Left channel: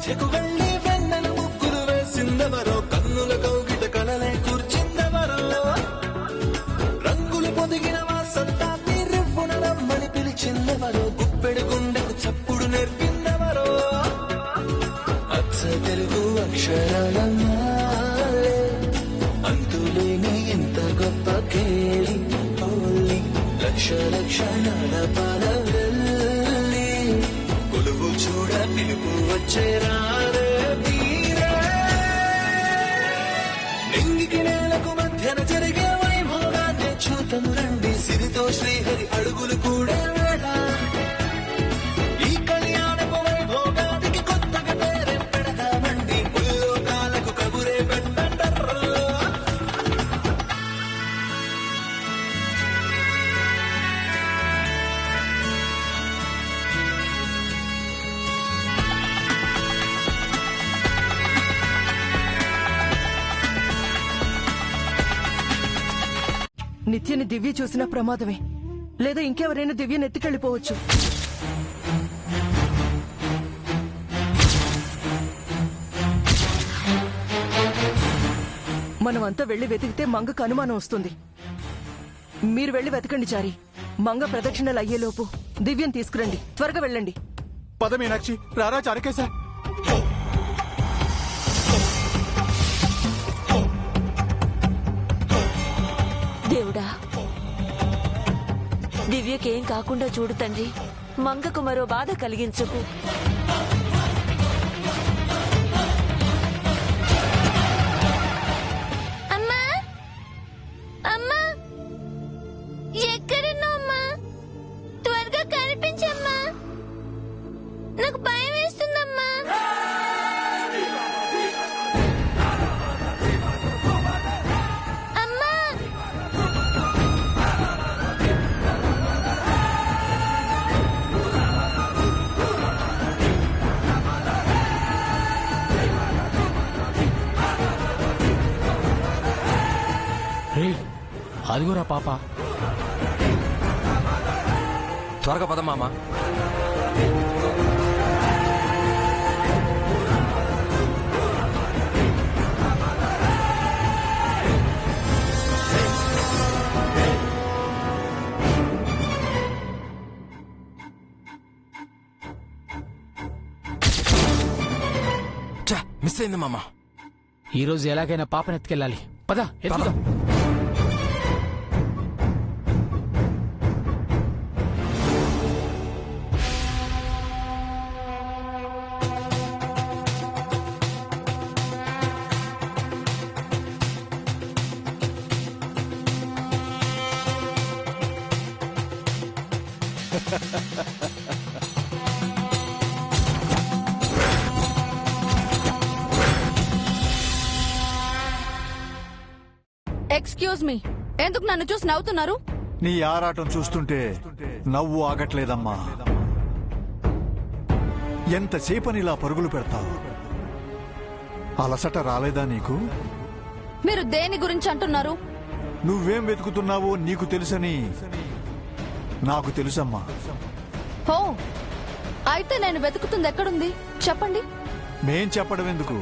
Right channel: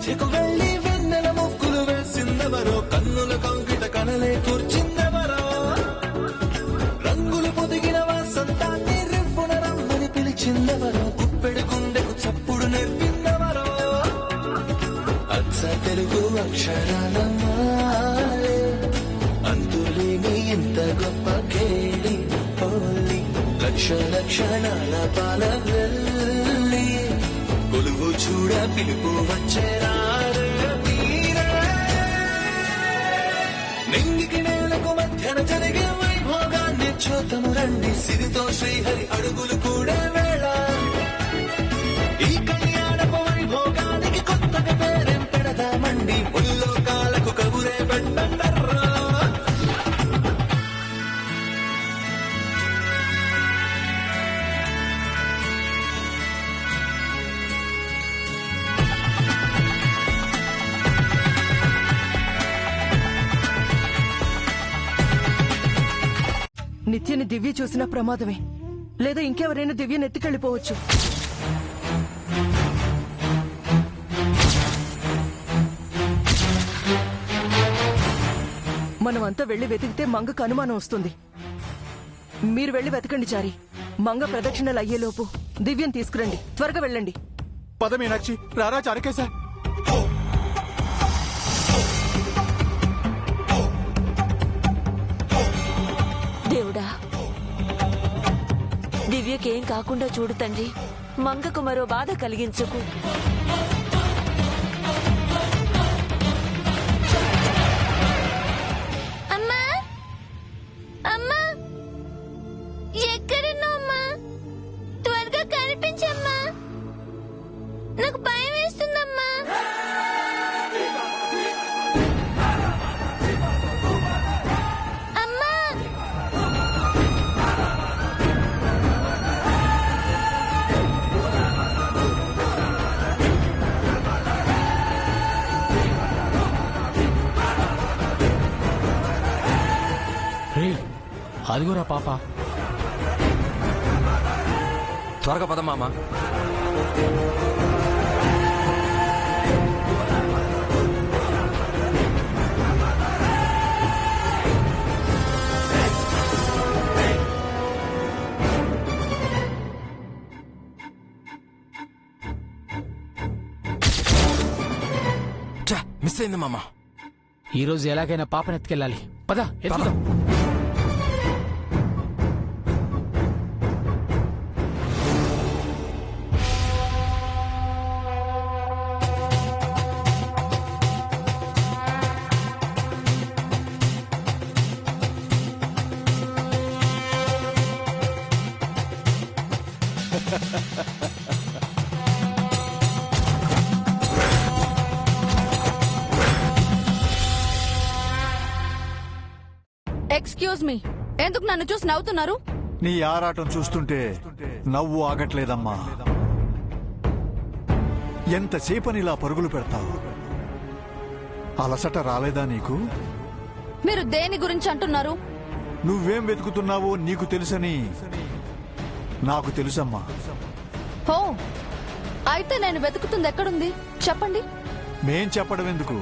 మధ్యకు వెళ్లి వెన్నెల ముగ్గులు వేసిందెవరో, కన్నుల కౌగిట కనలే కూర్చిందెవరో, రంగులు పొదిగిన వాసంతాన్ని రివ్వున రమ్మని పిలిచిందెవరో, గుప్పెడు గుండెకు చప్పుడు నేర్పిందెవరో, అచ్చ తెలుగు అక్షరాల మాలే అంతులేని ఇంత గొప్ప కేళి హోలీ, లక్ష లక్షణాల పాల వెళ్ళి కొలువు చూడ పిలుపు వచ్చేరారే వీరే. నింగికి నేలకు మధ్యన జరిగే వైభోగాన్ని చూతము రండి, సిరితో శ్రీహరి అడుగులు కూడే వేళ. ఈ కళ్యాణపు వైభోగానికి కొత్తగా పేరేం పెడదామండి, ముల్లోకాలకు కబురే పెట్టండర్రా. నిత్యని దివ్య చూసిన ప్రమాదమే, లేదా ఇంకెవరైనా దివ్యను ఎత్తుకెళ్లిపోవచ్చు. మనమంతా వెళ్లి వెతికితే మంగకు అనుమానం వస్తుంది. మీరు వెళ్లి వెతకండి చారి. మంగ ప్రదక్షిణలు అయ్యేలోపు దివ్యం తీసుకురండి. త్వరగా వెళ్ళండి. పద మీనాక్షి, రారా చారకేశ. దేవుడా, దివ్యకేం కాకుండా చూడు తండ్రి. మంగకు మరో బాధ కలిగించుకు. అమ్మా, అమ్మా, ఎక్కడున్నావమ్మా? త్వరగా కనిపించమ్మా, నాకు భయం వేస్తుందమ్మా. అమ్మా, అదిగోరా పాప. త్వరగా పద మామ. మిస్ అయింది మామ. ఈ రోజు ఎలాగైనా పాపను ఎత్తుకెళ్ళాలి. పద ఎత్తుదాం. ఎక్స్క్యూజ్ మీ, ఎందుకు నన్ను చూసి నవ్వుతున్నారు? నీ ఆరాటం చూస్తుంటే నవ్వు ఆగట్లేదమ్మా. ఎంతసేపని ఇలా పరుగులు పెడతావు? అలసట రాలేదా నీకు? మీరు దేని గురించి అంటున్నారు? నువ్వేం వెతుకుతున్నావో నీకు తెలుసని నాకు తెలుసమ్మా. హో, అయితే నేను వెతుకుతుంది ఎక్కడుంది చెప్పండి. మేం చెప్పడం ఎందుకు?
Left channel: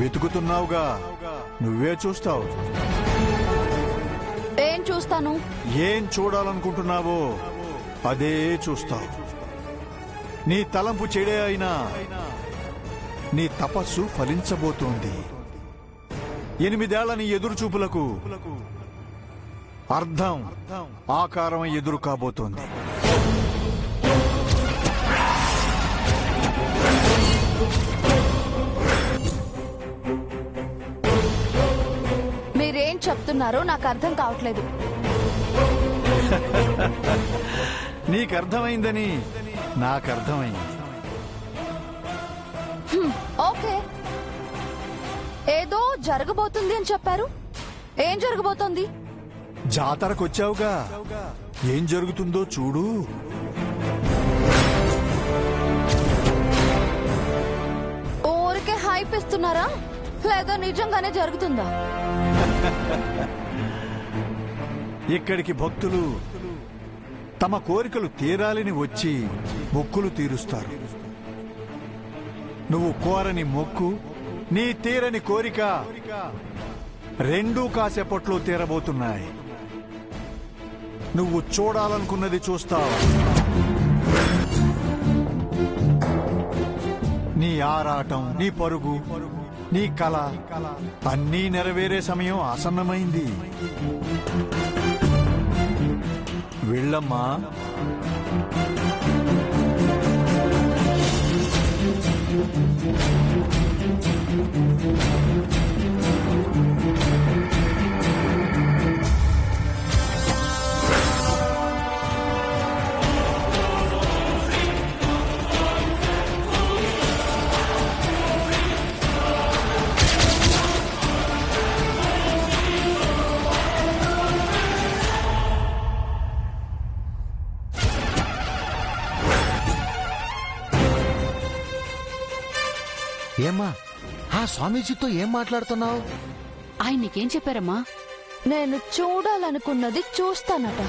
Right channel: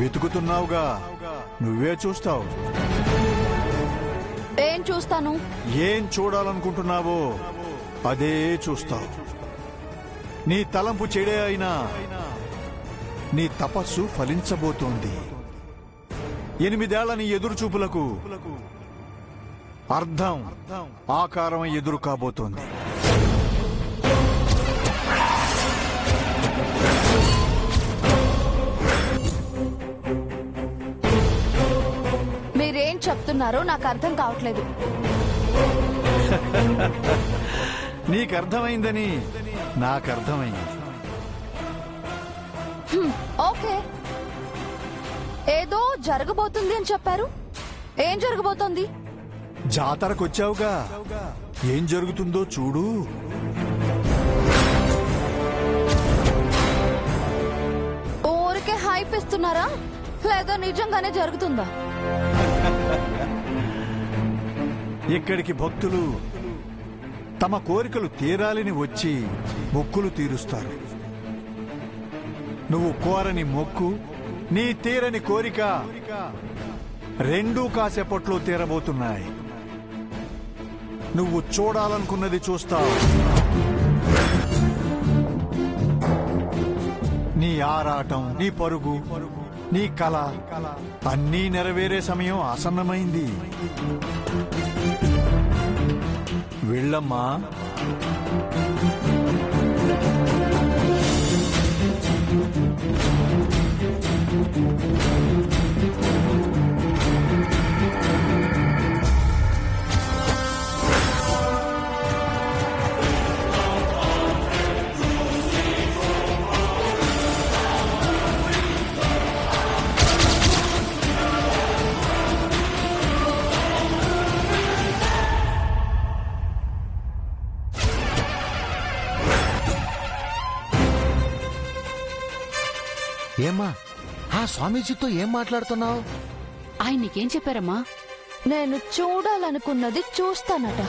వెతుకుతున్నావుగా, నువ్వే చూస్తావు. ఏం చూస్తాను? ఏం చూడాలనుకుంటున్నావో అదే చూస్తావు. నీ తలంపు చెడే అయినా నీ తపస్సు ఫలించబోతోంది. 8 ఏళ్ల నీ ఎదురు చూపులకు అర్థం ఆకారం ఎదురు కాబోతోంది. మీరేం చెప్తున్నారో నాకు అర్థం కావట్లేదు. నీకర్థమైందని నాకర్థమైంది. ఓకే, ఏదో జరగబోతుంది అని చెప్పారు. ఏం జరగబోతోంది? జాతరకొచ్చావుగా, ఏం జరుగుతుందో చూడు. ఊరికే హైప్ ఇస్తున్నారా, లేదా నిజంగానే జరుగుతుందా? ఇక్కడికి భక్తులు తమ కోరికలు తీరాలని వచ్చి మొక్కులు తీరుస్తారు. నువ్వు కోరని మొక్కు, నీ తీరని కోరిక రెండూ కాసేపట్లో తీరబోతున్నాయి. నువ్వు చూడాలనుకున్నది చూస్తావు. నీ ఆరాటం, నీ పరుగు, నీ కళ అన్నీ నెరవేరే సమయం ఆసన్నమైంది. వెళ్ళమ్మా. ఏమ్మా ఆ స్వామీజీతో ఏం మాట్లాడుతున్నావు? ఆయన నీకేం చెప్పారమ్మా? నేను చూడాలనుకున్నది చూస్తానట.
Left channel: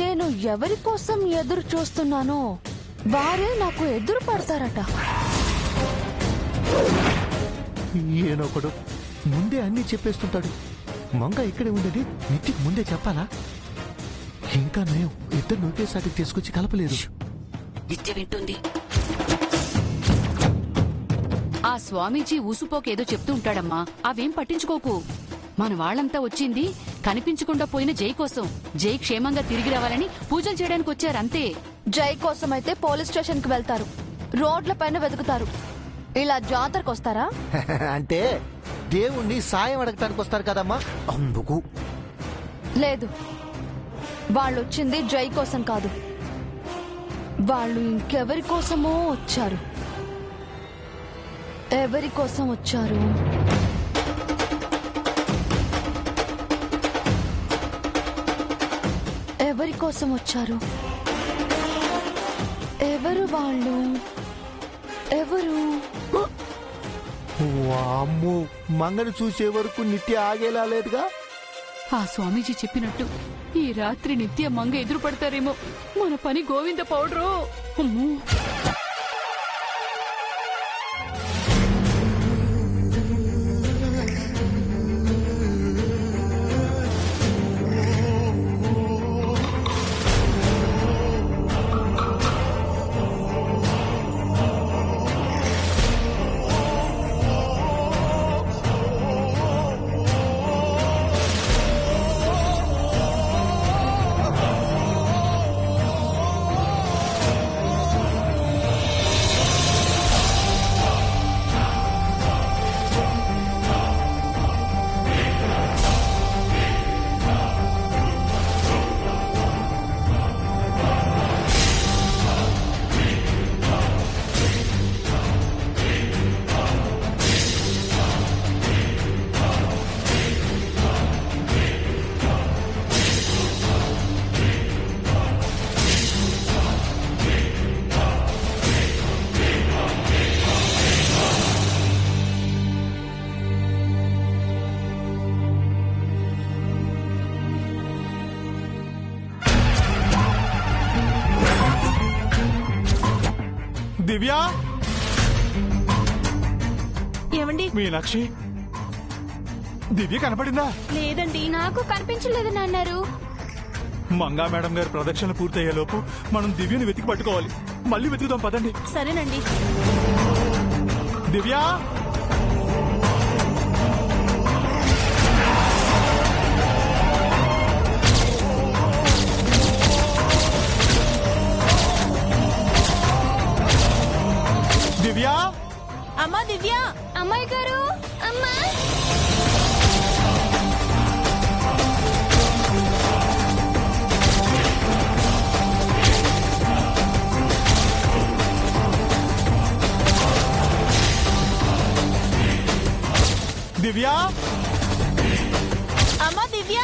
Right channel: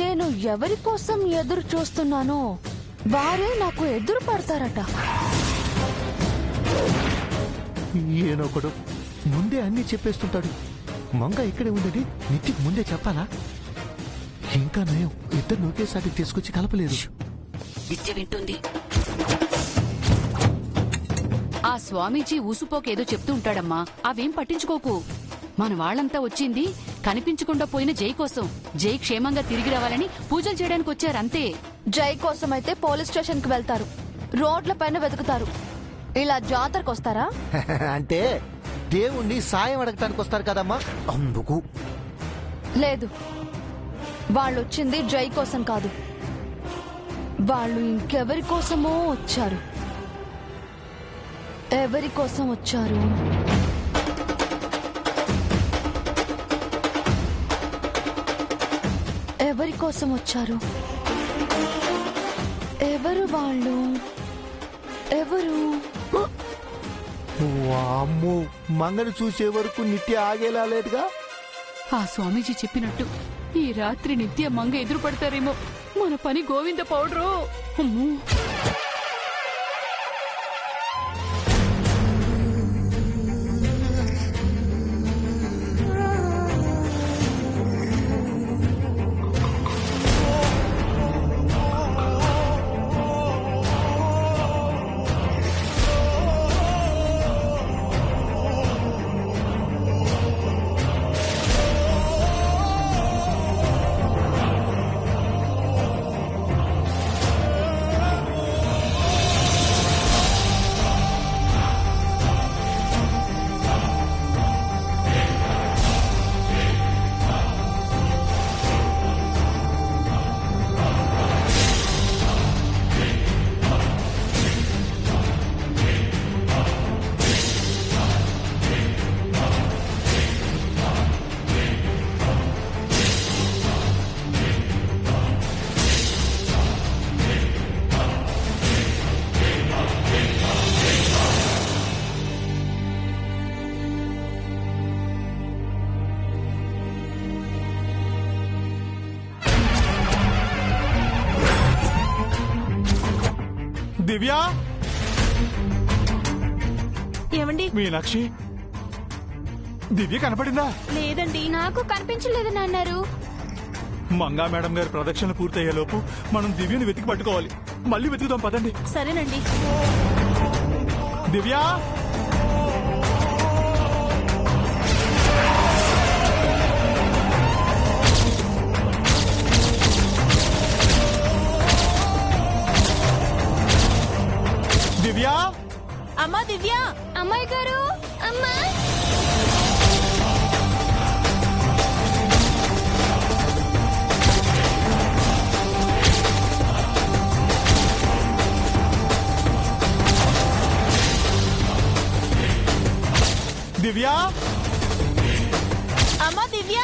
నేను ఎవరి కోసం ఎదురు చూస్తున్నానో వారే నాకు ఎదురు పడతారట. ఈయనొకడు ముందే అన్ని చెప్పేస్తుంటాడు. మంగ ఇక్కడే ఉందని నిత్యకి ముందే చెప్పాలా? ఇంకా నయం, ఇద్దరు ఒకేసారి తీసుకొచ్చి కలపలేదు. నిత్య వింటుంది. ఆ స్వామీజీ ఊసుపోకేదో చెప్తూ ఉంటాడమ్మా, అవేం పట్టించుకోకు. మన వాళ్ళంతా వచ్చింది కనిపించకుండా పోయిన జై కోసం. జై క్షేమంగా తిరిగి రావాలని పూజలు చేయడానికి వచ్చారంతే. జై కోసం అయితే పోలీస్ స్టేషన్ కి వెళ్తారు, రోడ్ల పైన వెతుకుతారు. ఇలా జాతరకు వస్తారా? అంటే దేవుణ్ణి సాయం అడగటానికి వస్తారు కదమ్మా, అందుకు. లేదు, వాళ్ళు వచ్చింది జై కోసం కాదు. వాళ్ళు ఇంకెవరి కోసమో వచ్చారు. ఎవరి కోసం వచ్చారు? ఎవరి కోసం వచ్చారు? ఎవరు వాళ్ళు? ఎవరు? వామ్మో, మంగని చూసే వరకు నిత్య ఆగేలా లేదుగా. ఆ స్వామీజీ చెప్పినట్టు ఈ రాత్రి నిత్య మంగ ఎదురు పడతారేమో. మన పని గోవింద పౌడరు. అమ్మో. దివ్య, ఏమండి? మీనాక్షి, దివ్య కనపడిందా? లేదండి. నాకు కనిపించలేదని అన్నారు. మంగా మేడం గారి ప్రదక్షిణ పూర్తయ్యేలోపు మనం దివ్యని వెతికి పట్టుకోవాలి. మళ్ళీ వెతుకుదాం, పదండి. సరేనండి. దివ్య, దివ్య, అమ్మా దివ్య. అమ్మాయి గారు, అమ్మా. దివ్య, అమ్మా దివ్య.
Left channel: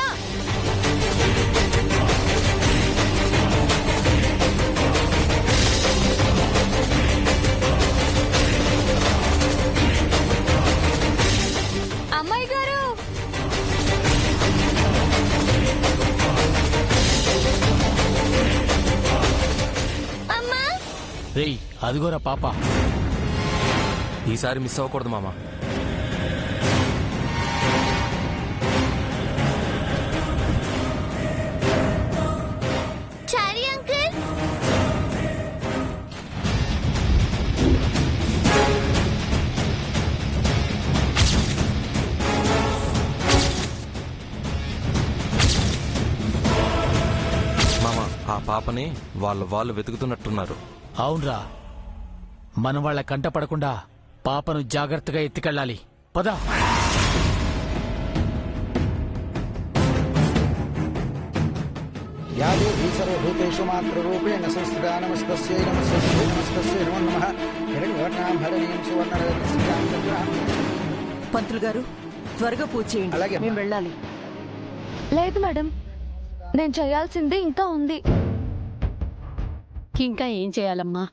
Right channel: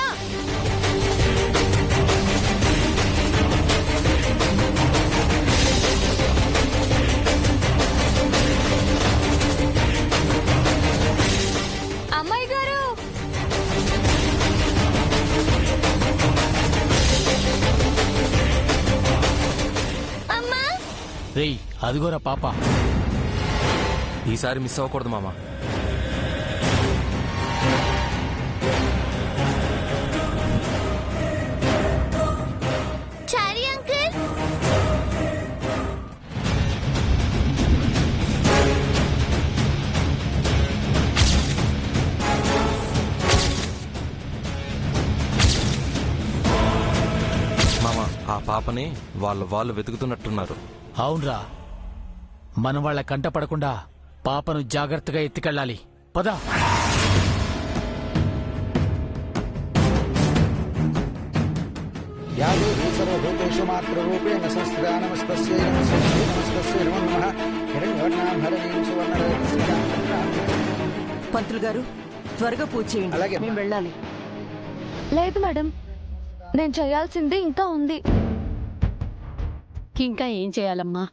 అమ్మాయి గారు, అమ్మా. రేయ్, అదిగోరా పాప. ఈసారి మిస్ అవ్వకూడదు మామ. చారీ అంకుల్. మామ, ఆ పాపని వాళ్ళు వెతుకుతున్నట్టున్నారు. అవునరా, మనం వాళ్ళ కంట పడకుండా పాపను జాగ్రత్తగా ఎత్తుకెళ్ళాలి. పద. या देवी सर्वभूतेषु मातृरूपेण संस्थिता नमस्तस्यै नमस्तस्यै नमस्तस्यै नमो नमः हिरण्यवर्णां हरणीं सुवर्णरत्नस्यां चक्रां పంతులు గారు త్వరగా పూజ చేయండి. అలాగే. మేము వెళ్ళాలి. లేదు మేడం, నేను చేయాల్సింది ఇంకా ఉంది. ఇంకా ఏం చేయాలమ్మా?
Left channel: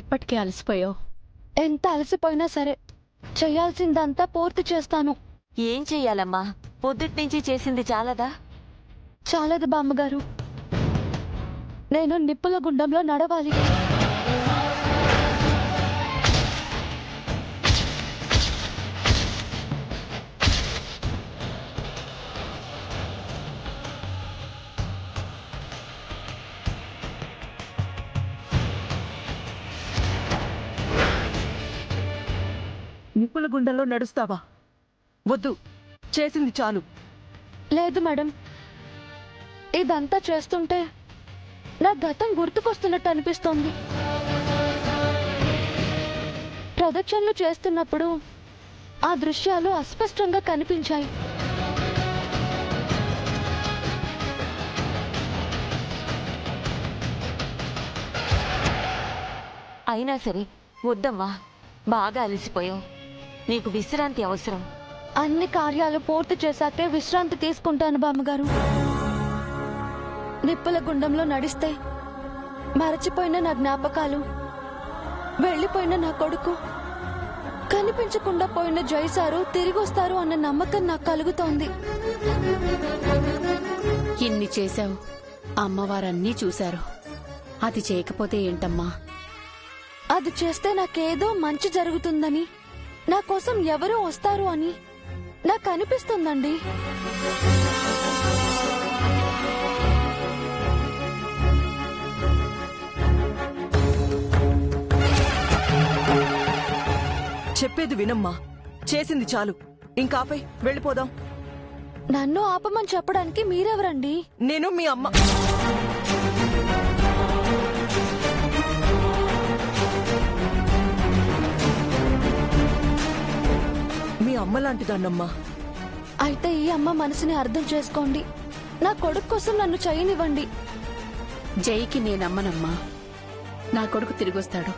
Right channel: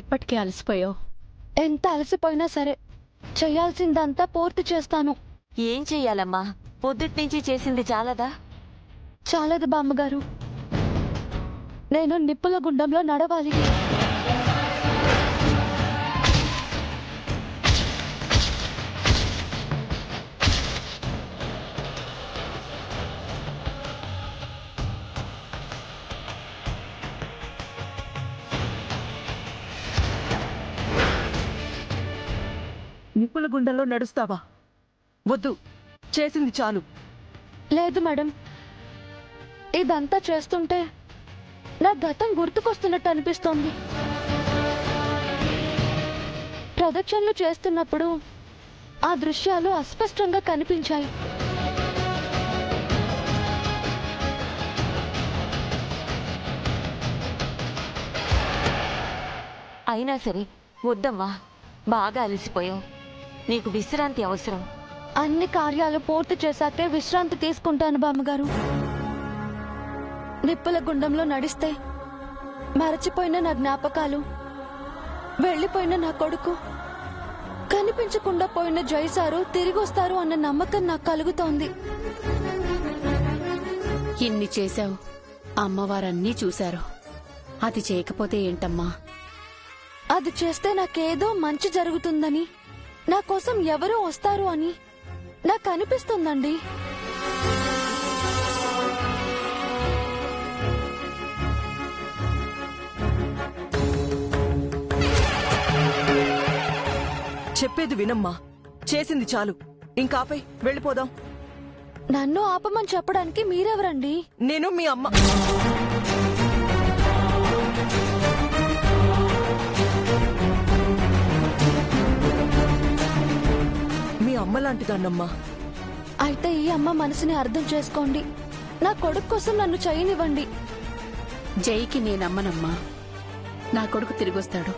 ఇప్పటికే అలసిపోయావు. ఎంత అలసిపోయినా సరే చేయాల్సిందంతా పూర్తి చేస్తాను. ఏం చెయ్యాలమ్మా? పొద్దుటి నుంచి చేసింది చాలదా? చాలదు బామ్మగారు, నేను నిప్పుల గుండంలో నడవాలి. నిప్పుల గుండంలో నడుస్తావా? వద్దు, చేసింది చాలు. లేదు మేడం, ఇదంతా చేస్తుంటే నా గతం గుర్తుకొస్తున్నట్టు అనిపిస్తోంది. ప్రదక్షిణలు చేస్తున్నప్పుడు ఆ దృశ్యాలు అస్పష్టంగా కనిపించాయి. అయినా సరే వద్దమ్మా, బాగా అలసిపోయావు. నీకు విశ్రాంతి అవసరం. అన్ని కార్యాలు పూర్తి చేశాకే విశ్రాంతి తీసుకుంటాను బామ్మగారు. నిప్పుల గుండంలో నడిస్తే మరచిపోయిన నా జ్ఞాపకాలు, వెళ్లిపోయిన నా కొడుకు, కనిపించకుండా పోయిన జైసారు తిరిగి వస్తారు అన్న నమ్మకం నాకు కలుగుతోంది. ఇన్ని చేశావు, అమ్మవారన్నీ చూశారు. అది చేయకపోతే ఏంటమ్మా? అది చేస్తే నాకేదో మంచి జరుగుతుందని, నా కోసం ఎవరో వస్తారు అని నాకు అనిపిస్తుందండి. చెప్పేది వినమ్మా, చేసింది చాలు. ఇంకాపై వెళ్ళిపోదాం. నన్ను ఆపమని చెప్పడానికి మీరెవరండి? నేను మీ అమ్మ. మీ అమ్మ లాంటిదాన్నమ్మా. అయితే ఈ అమ్మ మనసుని అర్థం చేసుకోండి. నా కొడుకు కోసం నన్ను చేయనివ్వండి. జైకి నేనమ్మనమ్మా. నా కొడుకు తిరిగొస్తాడు,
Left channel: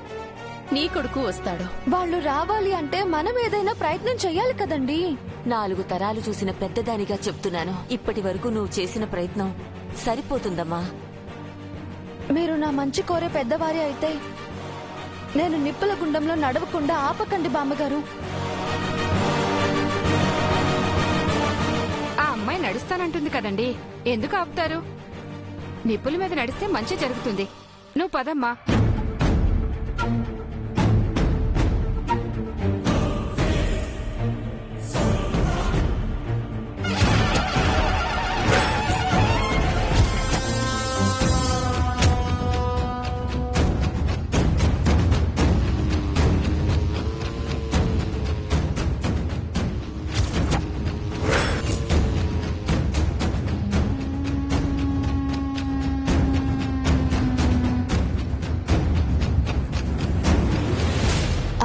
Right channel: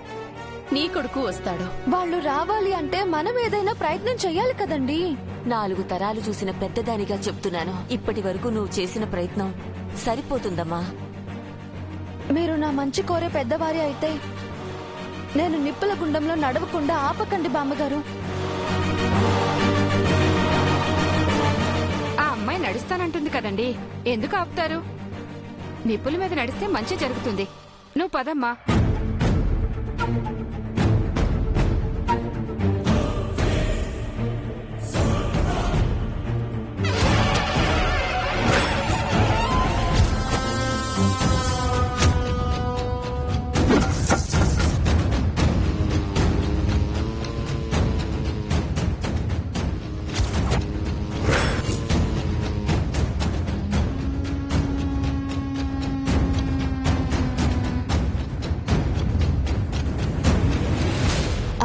నీ కొడుకు వస్తాడు. వాళ్ళు రావాలి అంటే మనం ఏదైనా ప్రయత్నం చెయ్యాలి కదండి. 4 తరాలు చూసిన పెద్దదానిగా చెప్తున్నాను, ఇప్పటి వరకు నువ్వు చేసిన ప్రయత్నం సరిపోతుందమ్మా. మీరు నా మంచి కోరే పెద్దవారి అయితే నేను నిప్పుల గుండంలో నడవకుండా ఆపకండి బామ్మగారు. ఆ అమ్మాయి నడుస్తానంటుంది కదండి, ఎందుకు ఆపుతారు? నిప్పుల మీద నడిస్తే మంచి జరుగుతుంది. నువ్వు పదమ్మా.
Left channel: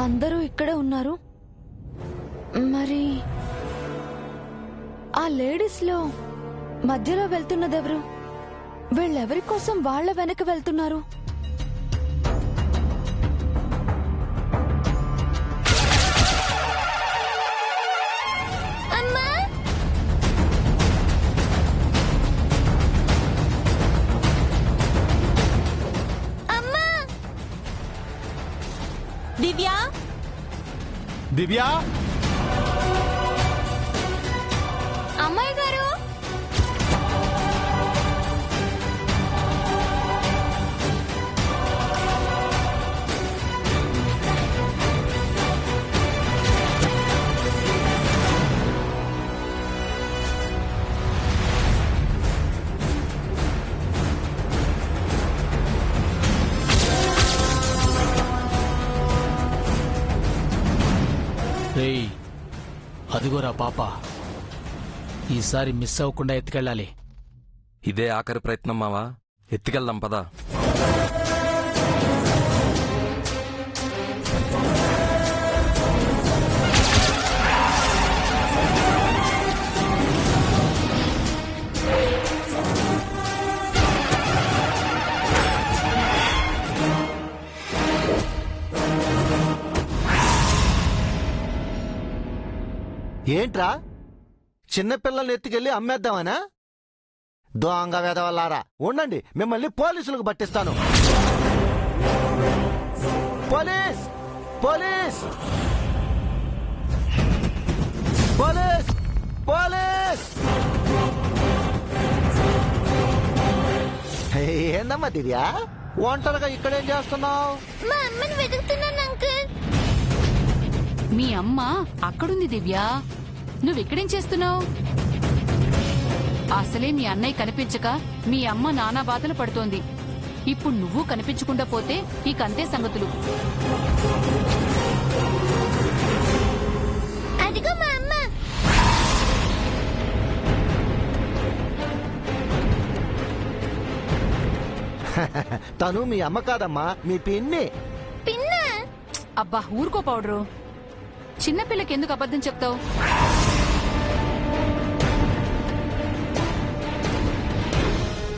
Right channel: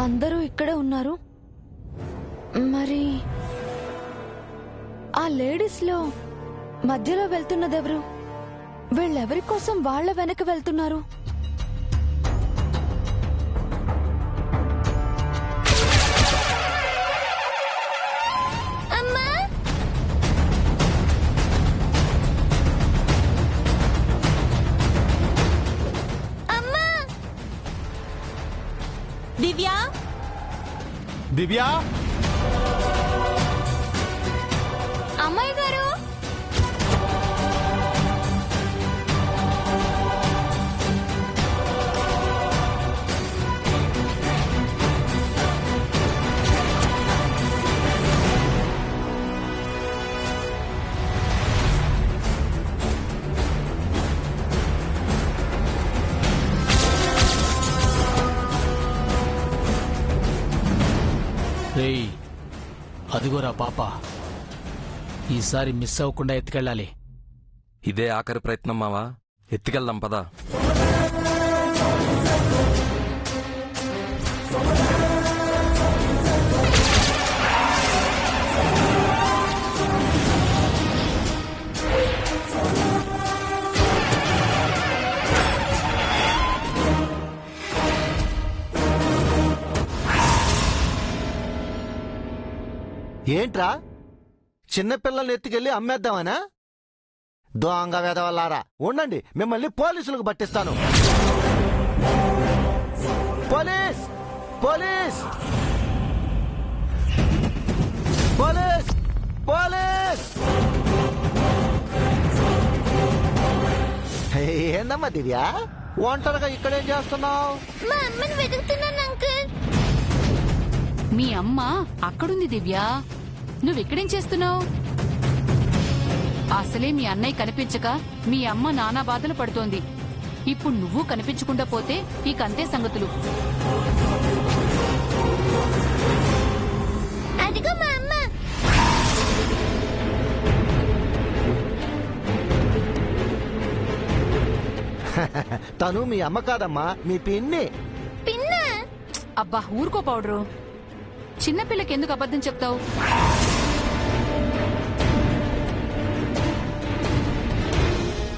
అందరూ ఇక్కడే ఉన్నారు. మరి ఆ లేడీస్ లో మధ్యలో వెళ్తున్నదెవరు? వీళ్ళెవరి కోసం వాళ్ళ వెనక వెళ్తున్నారు? అమ్మా! అమ్మా! దివ్యా, దివ్యా, అమ్మాయి గారు, రేయ్, అదిగోరా పాప. ఈసారి మిస్ అవ్వకుండా ఎత్తుకెళ్ళాలి. ఇదే ఆఖరి ప్రయత్నం మావా, ఎత్తుకెళ్దాం పదా. ఏంట్రా చిన్నపిల్లల్ని ఎత్తుకెళ్ళి అమ్మేద్దామనా? దొంగ వెదవల్లారా, ఉండండి, మిమ్మల్ని పోలీసులకు పట్టిస్తాను. Police police police police! ఏందమ్మా దివ్య, ఒంటరిగా ఇక్కడేం చేస్తున్నావు? మా అమ్మని వెతుకుతున్నాను అంకుల్. మీ అమ్మ అక్కడుంది దివ్య, నువ్వెక్కడేం చేస్తున్నావు? అసలే మీ అన్నయ్య కనిపించక మీ అమ్మ నానా బాధలు పడుతోంది. ఇప్పుడు నువ్వు కనిపించకుండా పోతే ఇకంతే సంగతులు. అదిగో మా అమ్మ. తను మీ అమ్మ కాదమ్మా, మీ పిన్ని. పిన్న? అబ్బా ఊరుకో పౌడరు. చిన్నపిల్లకెందుకు అబద్ధం చెప్తావు?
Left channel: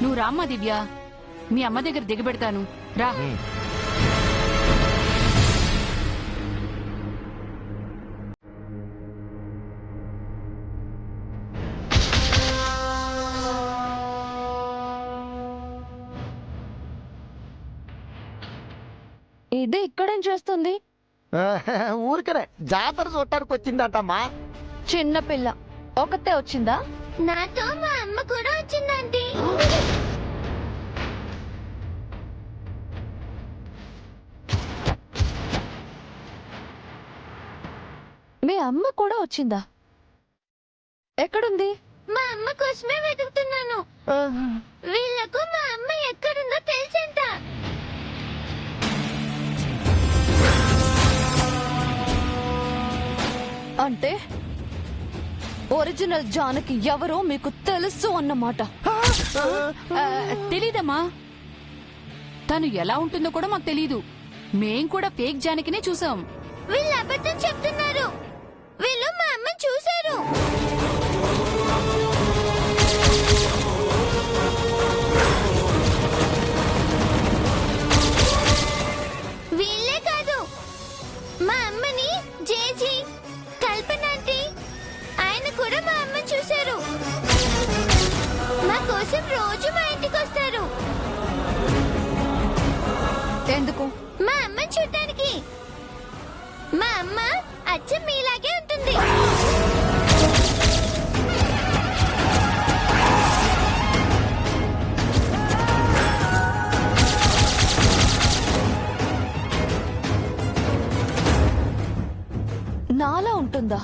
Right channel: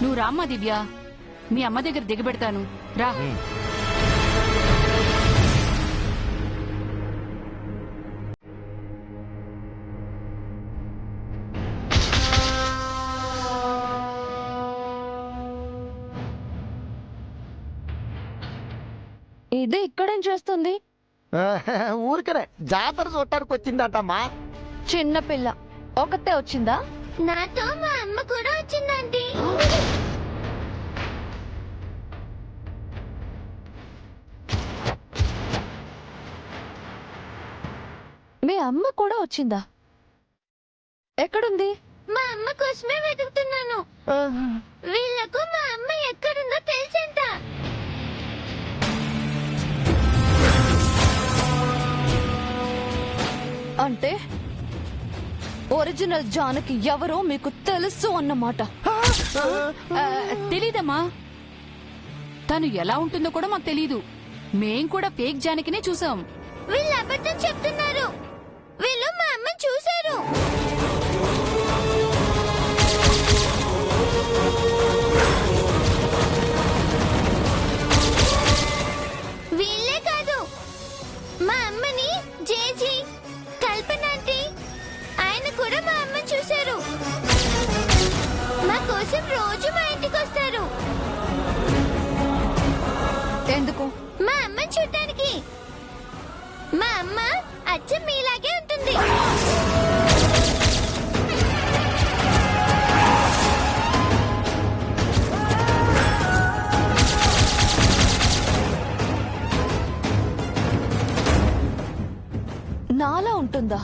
నువ్వు రామ్మా దివ్య, మీ అమ్మ దగ్గర దిగబెడతాను రా. ఇది ఇక్కడేం చేస్తుంది? ఊరికనే జాతర చూడటానికి వచ్చిందంటమ్మా. చిన్నపిల్ల ఒకతే వచ్చిందా? నాతో మా అమ్మ కూడా వచ్చిందండి. మీ అమ్మ కూడా వచ్చిందా? ఎక్కడుంది? మా అమ్మ కోసమే వెతుకుతున్నాను. వీళ్ళకు మా అమ్మ ఎక్కడుందో తెలుసంట. అంటే ఒరిజినల్ జానకి ఎవరో మీకు తెలుసు అన్నమాట. తెలీదమ్మా, తను ఎలా ఉంటుందో కూడా మాకు తెలీదు. మేం కూడా ఫేక్ జానకినే చూసాం. వీళ్ళు అబద్ధం చెప్తున్నారు. వీళ్ళు మా అమ్మ చూశారు. వీళ్ళే కాదు, మా అమ్మని జేజీ, కల్పన ఆంటీ, ఆయన కూడా మా అమ్మ చూశారు. మా కోసం రోజు మా ఇంటికి వస్తారు. ఎందుకు? మా అమ్మ చూడటానికి. మా అమ్మ అచ్చం మీలాగే ఉంటుంది. నాలా ఉంటుందా?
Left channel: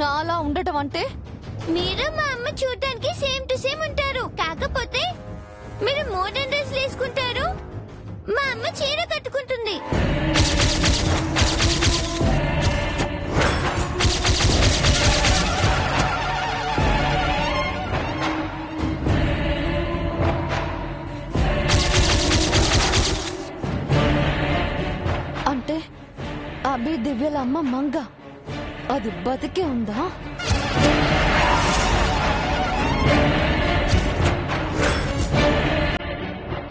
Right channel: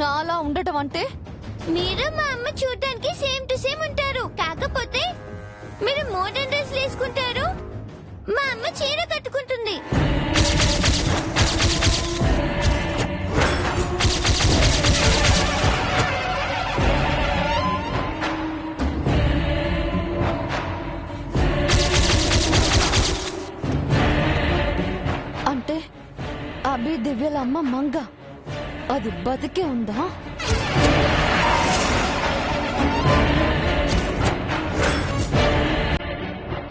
నాలా ఉండటం అంటే మీరు మా అమ్మ చూడటానికి సేమ్ టు సేమ్ ఉంటారు. కాకపోతే మీరు మోడర్న్ డ్రెస్లు వేసుకుంటారు, మా అమ్మ చీర కట్టుకుంటుంది. అంటే అభి దివ్యల అమ్మ మంగ అది బతికే ఉందా?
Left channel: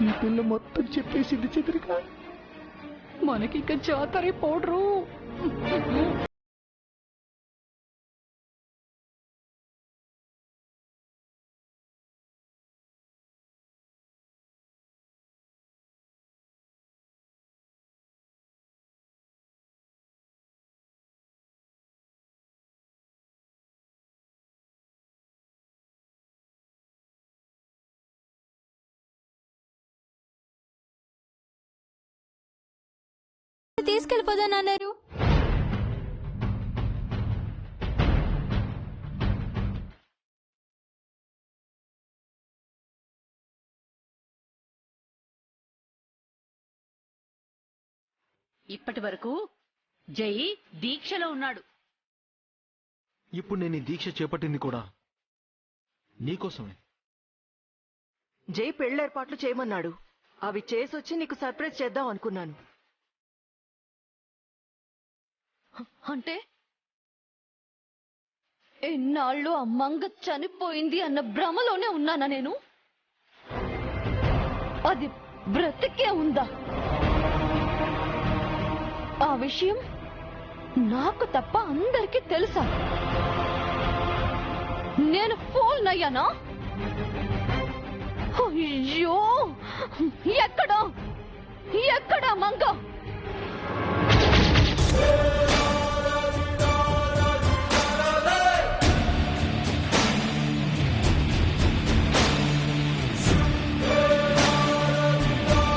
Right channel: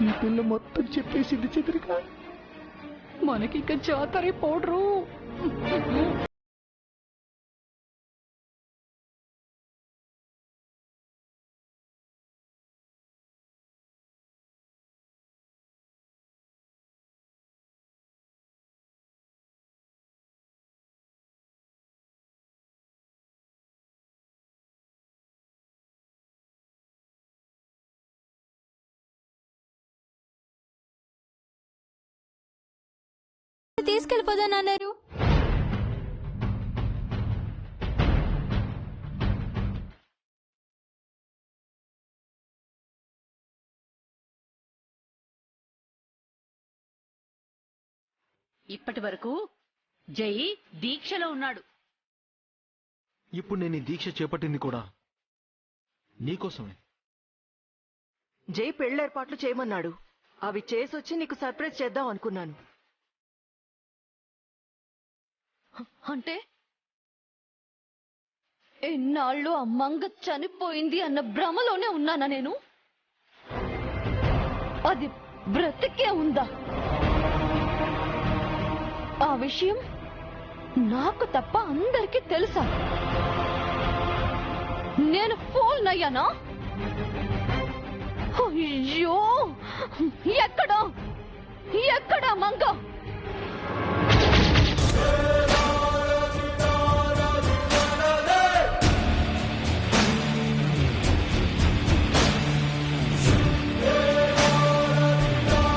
ఈ పిల్ల మొత్తం చెప్పేసింది చంద్రిక. మనకిక జాతరే పౌడరు. తీసుకెళ్ళిపోదానన్నారు. ఇప్పటి వరకు జై దీక్షలో ఉన్నాడు. ఇప్పుడు నేను ఈ దీక్ష చేపట్టింది కూడా నీకోసమే. జై పెళ్లేర్పాట్లు చేయమన్నాడు. అవి చేసొచ్చి నీకు సర్ప్రైజ్ చేద్దాం అనుకున్నాను. అంటే ఎన్నాళ్ళు ఆ మంగ చనిపోయింది అన్న భ్రమలోనే ఉన్నానా నేను? అది బ్రతికే ఉందా? ఆ విషయం నాకు తప్ప అందరికీ తెలుసా? నేను ఫూల్ అయ్యానా? అయ్యో, ఎక్కడా